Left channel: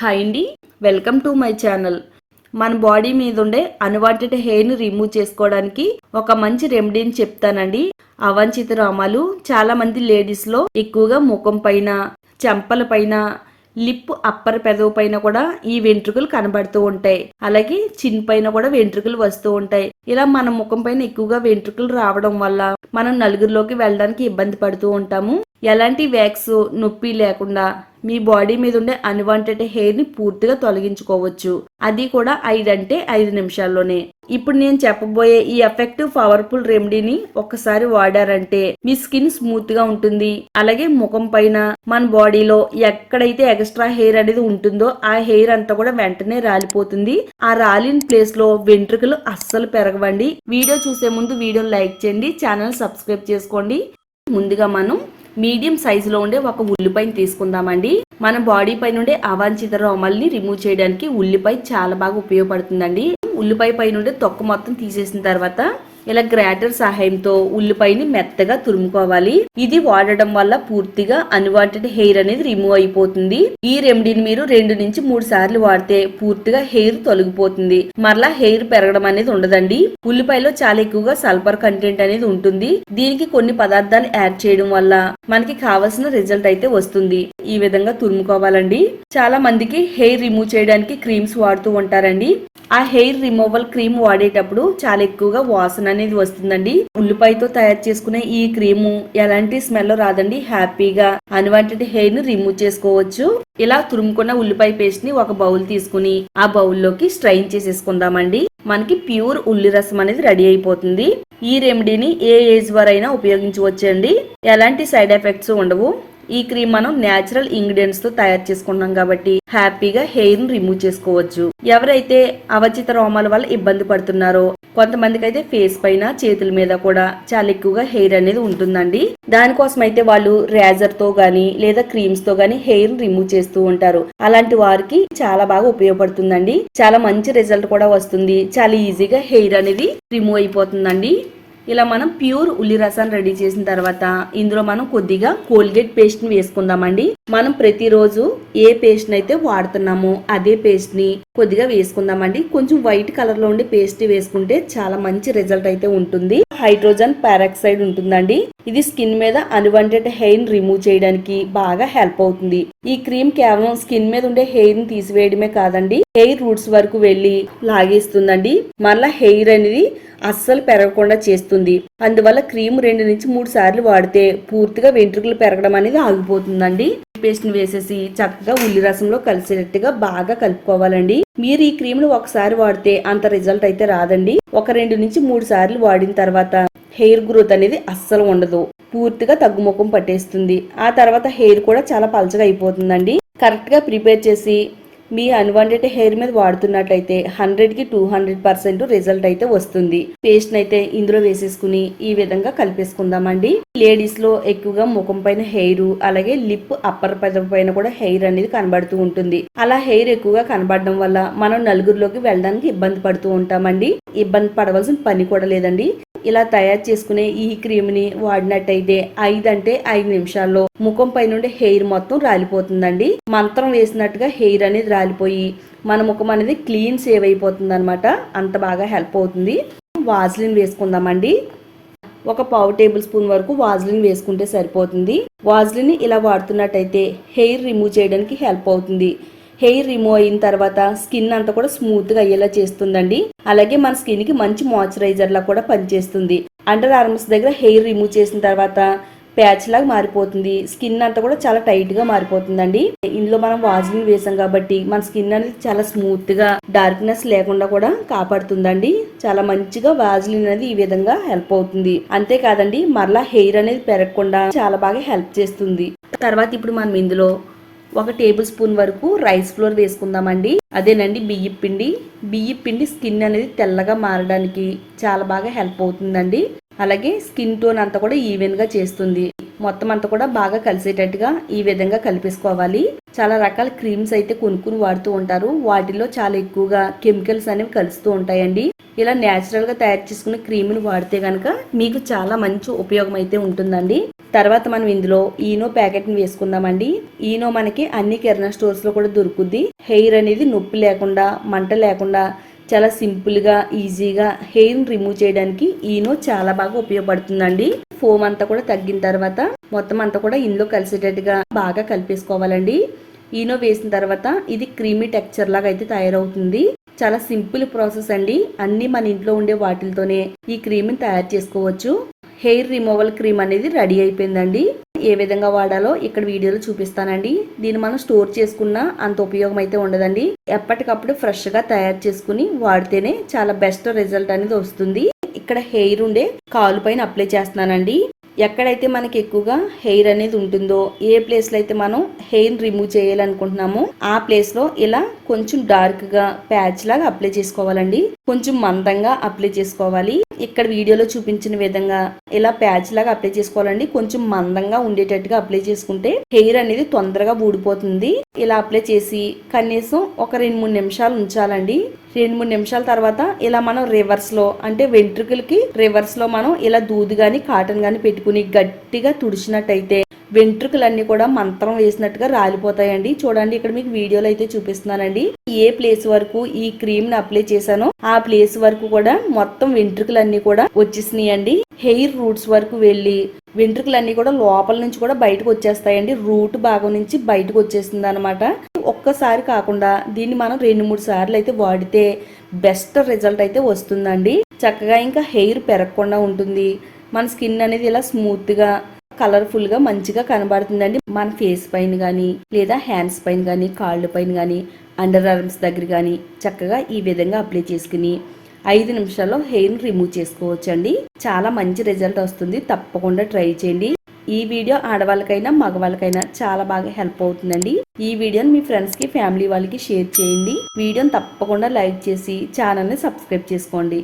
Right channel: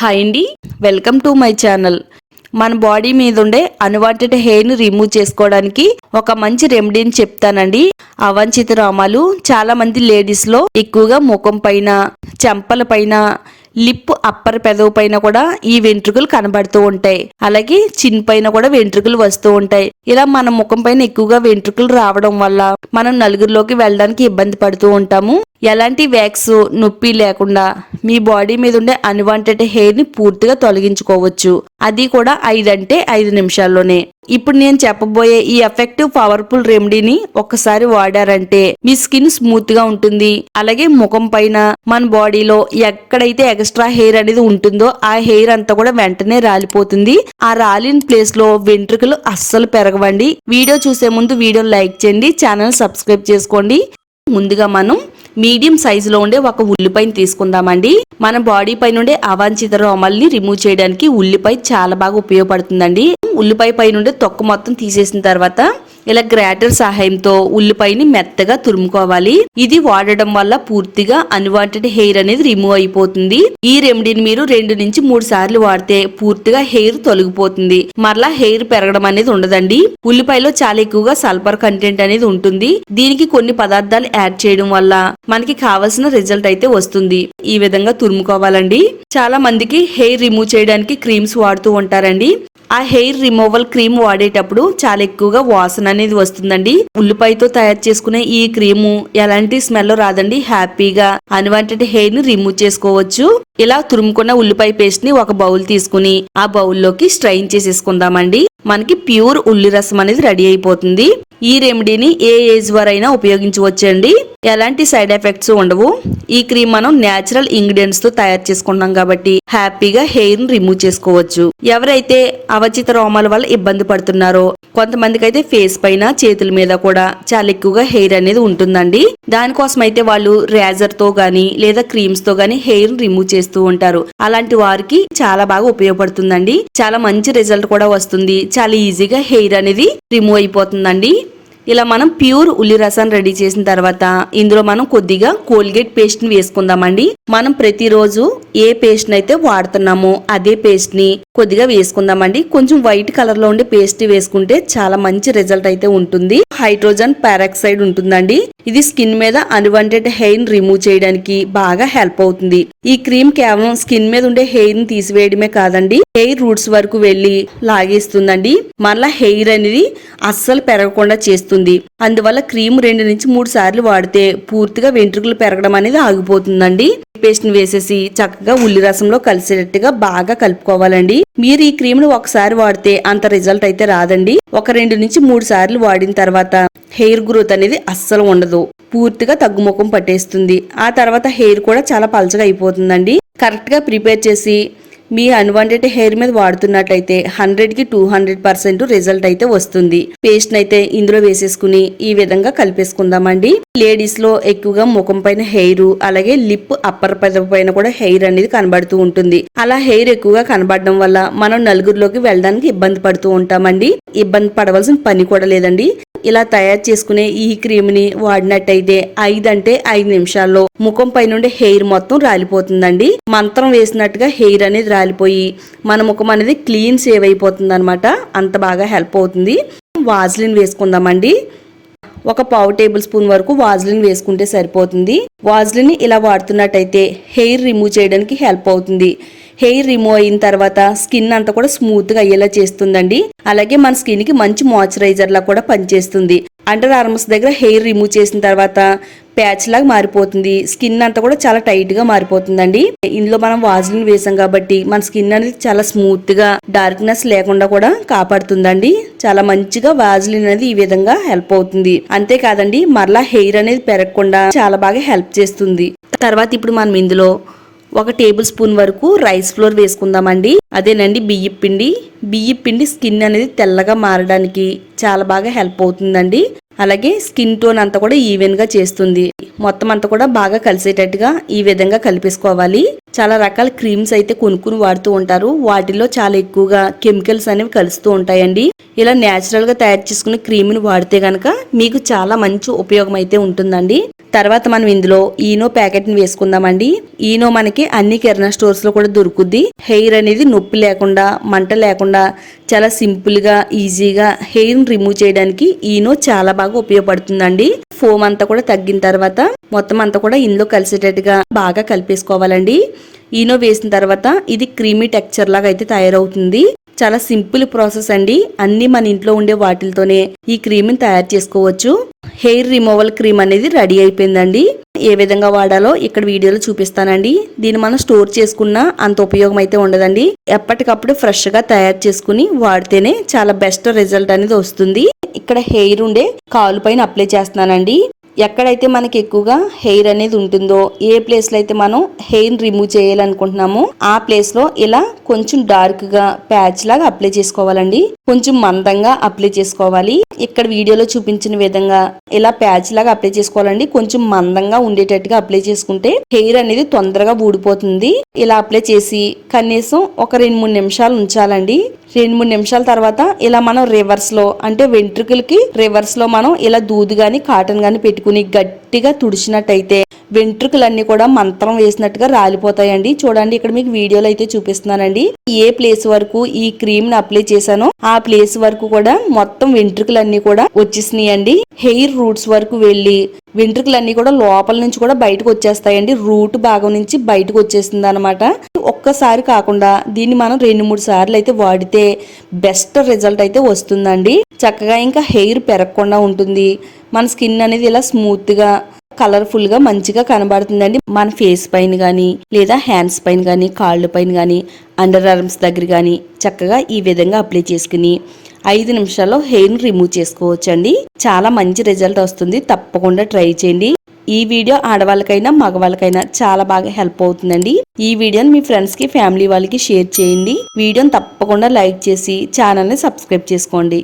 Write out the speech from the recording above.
Hi అండి, welcome to my channel. మన body మీద ఉండే అన్వాంటెడ్ హెయిర్ ని రిమూవ్ చేసుకోవడానికి ఒక మంచి రెమెడీని చెప్తానండి. అవాంఛిత రోమాలు చాలా మంది లేడీస్ లో ఎక్కువగా ముఖం పైన, చెంపల పైన, లిప్ అప్పర్ పెదవు పైన కూడా ఈ వెంట్రుకలు కనబడుతూ ఉంటాయి. అలాగే చిన్ పైన కూడా వెంట్రుకలు వస్తూ ఉంటాయి. ఇలా మన ముఖం పైన ఎక్కువగా వెంట్రుకలు రావడం వల్ల మనం నలుగురిలోకి వెళ్ళడానికి ఇబ్బంది పడుతూ ఉంటాము. ఎలాంటి వ్యాక్స్ నొప్పి లేకుండా మీ బాడీ మీద ఉండే అన్వాంటెడ్ హెయిర్ ని పూర్తిగా తొలగించుకోవచ్చు. అది కూడా 5 నిమిషాల్లోనే. ఇప్పుడు నేను చెప్పబోయే ఈ ఎఫెక్టివ్ పవర్ఫుల్ రెమెడీని ఒక్కసారి వాడారంటే మీ స్కిన్ స్మూత్ గా ఉంటుంది. అలాగే ముఖం పైన, మన బాడీలో ఎక్కడైతే ఎక్స్ట్రా హెయిర్ అనేది ఉంటుందో ఆ హెయిర్ అంతా కూడా వెంటనే రాలిపోతుంది. ఆ రాలిన ప్లేస్ లో వెంట్రుకలు అస్సలు పెరగవండి. వీడియో చూసే ముందు వీడియో లైక్ చేయండి, ఛానల్ సబ్స్క్రైబ్ చేసుకోండి. ముందుగా మనం మీడియం సైజులో ఉండే ఒక ఉల్లిపాయని తీసుకుందామండి. మన బాడీ పైన ఉండే అవాంఛిత రోమాల్ని రిమూవ్ చేయడానికి ఉల్లిపాయ చాలా బాగా ఉపయోగపడుతుందండి. ఉల్లిపాయ పైన ఉండే తొక్క మొత్తం తీసేసిన తర్వాత ఇలా గ్రేటర్ సహాయంతో ఉల్లిపాయని మెత్తగా తురుముకోవాలి. ఇది వాడడం వల్ల పూర్తిగా అన్వాంటెడ్ హెయిర్ అనేది రిమూవ్ అయిపోతుంది. ఈ రెమెడీని మీరు 2 నుంచి 3 సార్లు వాడితే పూర్తిగా హెయిర్ తొలగిపోతుంది. మరలా హెయిర్ పెరగడం అనేది ఉండదండి. ఉల్లిపాయలో చాలా ఎక్కువగా సల్ఫర్ కంటెంట్ అనేది ఉంటుంది. దీనికి కొన్ని పదార్థాలు యాడ్ చేయడం వల్ల మనకి కావాల్సిన రిజల్ట్ అయితే వస్తుంది. ఈ విధంగా తురుముకోవాలండి. చాలా మందికి హెయిర్ రిమూవ్ చేయడానికి క్రీమ్స్ వాడుతూ ఉంటారండి. ఆ హెయిర్ రిమూవల్ క్రీమ్ వాడేటప్పుడు చాలా ఎక్కువగా వాసన అనేది వస్తుందండి. ఉల్లిపాయతో తయారు చేసుకునే ఈ క్రీము ఎలాంటి స్మెల్ రాదండి. హ్యాపీగా అన్వాంటెడ్ హెయిర్ ని రిమూవ్ చేసుకోవచ్చు. ఇలా తురుముకున్న ఉల్లిపాయ పేస్ట్ ని ఒక బౌల్ తీసుకుని ఆ బౌల్లోకి స్ట్రైన్ చేసేసుకుందామండి. మనకి ప్యూర్ ఉల్లి రసం అనేది రెడీ అయిపోతుంది. ఈ రెమెడీని ఏ ఏజ్ వారైనా ఉపయోగించవచ్చండి. ఎలాంటి సైడ్ ఎఫెక్ట్స్ ఉండవు. ఈ క్రీమ్ మనం నేచురల్ ఇంగ్రీడియంట్స్ తో తయారు చేసుకున్నాం కాబట్టి హ్యాపీగా హెయిర్ ని రిమూవ్ చేసుకోవచ్చు. ఎవరైతే అవాంఛిత రోమాల వల్ల ఇబ్బంది పడుతున్నారో, కొంతమందికి అయితే ఫేస్ పైన, చేతుల మీద కూడా చాలా ఎక్కువగా హెయిర్ అనేది ఉంటుందండి. దానికోసం అయితే వాళ్ళు రేజర్ తో గానీ లేదా క్రీమ్స్ తో గానీ హెయిర్ రిమూవ్ చేస్తూ ఉంటారు. అలాంటి వారికి చాలా బాగా ఉపయోగపడుతుందండి. చాలా మంచి రిజల్ట్ కూడా వస్తుంది. చాలా ఈజీగా హెయిర్ అనేది రిమూవ్ అయిపోతుందండి. ఇలా మనం ప్యూర్ ఉల్లి రసాన్ని రెడీ చేసిన తర్వాత ఇందులో మనం కొద్దిగా కోల్గేట్ పేస్ట్ ని వేసుకుందామండి. మనం ప్రతిరోజు ఏ పేస్ట్ అయితే వాడుతున్నామో అదే పేస్ట్ ని కొద్దిగా వేసుకుందామండి. కొంచెం వైట్ కలర్ లో ఉండే పేస్ట్ వేసుకుంటే చాలా మంచి రిజల్ట్ అయితే ఉంటుంది. హైడ్రోజన్ పెరాక్సైడ్ ఉంటుందండి. ఇది స్కిన్ మీద అన్వాంటెడ్ హెయిర్ ని రిమూవ్ చేయడానికి బాగా హెల్ప్ అవుతుంది. ఈ క్రీమ్ కేవలం స్కిన్ మీద ఉండే హెయిర్ ని తీసివేయడమే కాదండి, హెయిర్ రూట్స్ వరకు వెళ్లి లాగేస్తుందండి. మళ్ళా హెయిర్ అనేది అస్సలు పెరగకుండా చేస్తుంది. అందువల్ల క్రీమ్ 2 నుంచి 3 సార్లు వాడితే పూర్తిగా వెంట్రుకలు పెరగడం అనేది ఆగిపోతుందండి. పేస్ట్ ని వేసేసి చక్కగా ఉల్లి రసంలో కలిసేటట్టుగా బాగా కలుపుకోవాలండి. మీరు ఈ క్రీమ్ ను ఒకసారి వాడితే అంత రిజల్ట్ అయితే రాదండి. ఒక 2 నుంచి 3 సార్లు వాడిన తర్వాత హెయిర్ గ్రోత్ అనేది అస్సలు ఉండదు. పూర్తిగా తగ్గుముఖం పట్టేస్తుంది. ఆ తర్వాత హెయిర్ కూడా చాలా పలచగా అయిపోతుందండి. కరెక్ట్ గా ప్రిపేర్ చేసి మీ అన్వాంటెడ్ హెయిర్ మీద వాడుతున్నట్లయితే 100కి 200% రిజల్ట్ అయితే వస్తుంది. పేస్ట్ అయితే ఇందులో వేసేసుకుని ఈ విధంగా కలిపేసుకుందామండి. లేడీస్ లో ఎక్కువగా ముఖం పైన హెయిర్, అలాగే లిప్ అప్పర్ పెదవి పైన కూడా హెయిర్ అనేది కనబడుతూ ఉంటుంది. అలా హెయిర్ ఎక్కువగా కనబడడం వల్ల మనం నలుగురిలోకి వెళ్ళడానికి ఇబ్బంది పడుతూ ఉంటామండి. ఇబ్బంది పడవలసిన పని కూడా లేదండి. ఇలా తయారు చేసుకునే ఈ క్రీమ్ ని వాడినట్టయితే 5 నిమిషాల్లో ముఖం పై నుండి హెయిర్ మొత్తం రాలిపోతుందండి. మంత్రం వేసినట్టుగా హెయిర్ అనేది రాలిపోయి మన ముఖం అనేది క్లీన్ సేవ్ అయిపోతుంది అనమాట. అంత బాగా హెల్ప్ అవుతుంది. వాజ్లిన్ వేసుకుందామండి. ఒక 1/2 టేబుల్ స్పూన్ వరకు వాజ్లిన్ వేసుకుంటే సరిపోతుంది. వాజ్లిన్ ఇలా వాడుతున్నట్టయితే హెయిర్ రిమూవ్ చేయడానికి హెల్ప్ అవుతుంది. హెయిర్ రిమూవ్ అయిన తర్వాత స్కిన్ అంతా కూడా స్మూత్ గా అయ్యేలా చేస్తుందండి. అలాగే మన స్కిన్ కి మంచి మాయిశ్చరైజర్ లా కూడా పనిచేస్తుంది. అండర్ ఆర్మ్స్ దగ్గర హెయిర్ రిమూవ్ చేసిన తర్వాత ప్యాచ్ లాగా మారిపోతుంది. స్కిన్ అంతా కూడా చాలా టైట్ గా మారిపోతుందండి. ఇందులో మనం వాజ్లిన్ వేసాం కాబట్టి మన స్కిన్ అనేది చాలా స్మూత్ గా, డార్క్నెస్ లేకుండా కూడా కాపాడుతుందండి. చాలా మంచిగా వాజ్లిన్ అనేది ఈ విధంగా హెల్ప్ అవుతుంది. అంతేకాదండి, మరలా హెయిర్ అనేది పెరగకుండా చాలా బాగా హెల్ప్ చేస్తుంది. తర్వాత ఇప్పుడు మనం ఇందులో 1 టేబుల్ స్పూన్ వరకు రైస్ ఫ్లోర్ వేసుకుందామండి. అదేనండి బియ్యం పిండి స్కిన్ అనేది తెల్లగా మారడానికి చాలా బాగా హెల్ప్ అవుతుందండి. అలాగే స్కిన్ టోన్ అంతా కూడా ఈవెన్ గా చేస్తుంది. మొత్తం అంతా కూడా బాగా కలిసేటట్టుగా ఈ విధంగా కలిపేసుకోవాలి. చాలా రకాల క్రీమ్స్ అయితే కొనుక్కుని వాడుతూ ఉంటారు. వాటిలో చాలా ఎక్కువగా కెమికల్స్ అనేవి కలుస్తూ ఉంటాయండి. ఇలా న్యాచురల్ గా తయారు చేసుకున్న క్రీమ్ని వాడితే గనక మీకు చాలా మంచి ఉపయోగం అయితే ఉంటుందండి. తర్వాత మనం ఇందులో ఈనో ప్యాకెట్ ని వేసుకుందామండి. ఈనో మనకి అన్ని కిరాణా స్టోర్స్ లో కూడా దొరుకుద్ది. హెయిర్ అనేది నొప్పి లేకుండా, మంట లేకుండా చాలా సింపుల్ గా ఈజీగా హెయిర్ రిమూవ్ చేయడానికి ఈనో చాలా బాగా ఉపయోగపడుతుందండి. ఫోమ్ అంతా కూడా తగ్గిన తర్వాత మొత్తం అంతా కూడా ఇందులో కలిసేటట్టుగా బాగా కలిపేసుకోవాలండి. ఈనో వేసిన తర్వాత ఇది క్రీమీ టెక్స్చర్ లాగా అయితే తయారవుతుంది. చాలా సింపుల్ ప్రాసెస్ అండి. అన్ని మన ఇంట్లో ఉండే వాటితోనే ఈ క్రీమ్ ని తయారు చేసుకోవచ్చు. హెయిర్ రిమూవల్ క్రీమ్ అనేది రెడీ అయిపోయిందండి. ఏ విధంగా వాడాలో ఇక్కడ వీడియోలో చూపిస్తానండి. దీన్ని మనం స్టోర్ చేసుకున్నా అంత ఉపయోగం అయితే ఉండదండి. ఎప్పటికప్పుడు ఫ్రెష్ గా తయారు చేసుకుని వాడితేనే చాలా బెస్ట్ రిజల్ట్ అనేది వస్తుంది. ఇక్కడ హెయిర్ ఉండే కాలు పైన అప్లై చేస్తున్నానండి. ఎక్కడైతే మనకి ఎక్కువగా హెయిర్ అనేది ఉంటుందో, ఏ ప్లేస్ లో అయితే మనం హెయిర్ రిమూవ్ చేయాలనుకుంటున్నామో ఆ ప్లేస్ లో ఇలా కొంచెం డార్క్ గా ప్యాచ్ లాగా అప్లై చేసుకోవాలండి. కొంచెం మందంగా అప్లై చేసుకోవాలి. ఇక్కడ వీడియోలో చూపించిన విధంగా ఇలా ప్యాచ్ లాగా అప్లై చేసుకోవాలండి. కొంచెం మందంగా ఉండేటట్టుగా అప్లై చేసుకుంటే హెయిర్ అనేది తొందరగా ఊడిపోతుంది. ఇలా అప్లై చేసి కనీసం ఒక 2-3 నిమిషాలు ఉంచాలండి. 2-3 నిమిషాల తర్వాత ఇలా మనం రివర్స్ లో, అంటే వెంట్రుకలకి రివర్స్ లో మనం ఇలా దూది గాని కాటన్ గాని పెట్టుకుని గట్టిగా తుడిచినట్టయితే వెంట్రుకలన్నీ కూడా మంత్రం వేసినట్టుగా రాలిపోతాయండి. చూడండి, ఇక్కడ మీకు వీడియోలో అయితే చూపిస్తున్నానండి. ఏ ప్లేస్ వరకు ఈ క్రీమ్ ని అప్లై చేశానో ఆ ప్లేస్ వరకు కూడా మొత్తం వెంట్రుకలన్నీ కూడా వచ్చేసినాయండి. హెయిర్ రూట్స్ వరకు వెళ్లి వెంట్రుకలన్నీ కూడా లోపల నుంచి కూడా బయటకు వచ్చేస్తాయండి. రూట్ భాగం నుంచి బయటకు వచ్చేసింది అనమాట. ఒక్కసారి కాకుండా దీన్ని మనం 2-3 సార్లు అయితే వాడితే బెస్ట్ రిజల్ట్ అయితే వస్తుందండి. చక్కగా ఇంకా హెయిర్ పెరగకుండా ఉంటుంది. మన స్కిన్ అనేది ఇలా స్మూత్ గా, కలర్ఫుల్ గా మంచిగా కనబడుతుందండి. మన ఫేస్ పైన గానీ, లేదా హ్యాండ్స్ పైన గానీ, కాళ్ళ పైన గానీ, అండర్ ఆర్మ్స్ దగ్గర గానీ చక్కగా ఈ విధంగా అప్లై చేసుకుని 5 నిమిషాల్లో హెయిర్ ని రిమూవ్ చేసుకోవచ్చండి. చాలా మంచి రిజల్ట్ వస్తుంది. తప్పకుండా ట్రై చేయండి. ఈ వీడియో ఆడవాళ్ళకైనా మగవాళ్ళకైనా చాలా బాగా హెల్ప్ అవుతుందండి. ఈ వీడియోని మీ ఫ్రెండ్స్ కి, ఫ్యామిలీ వాళ్ళకి షేర్ చేయండి. వీడియోని తప్పకుండా లైక్ చేసి ఛానల్ ని సబ్స్క్రైబ్ చేసుకోండి.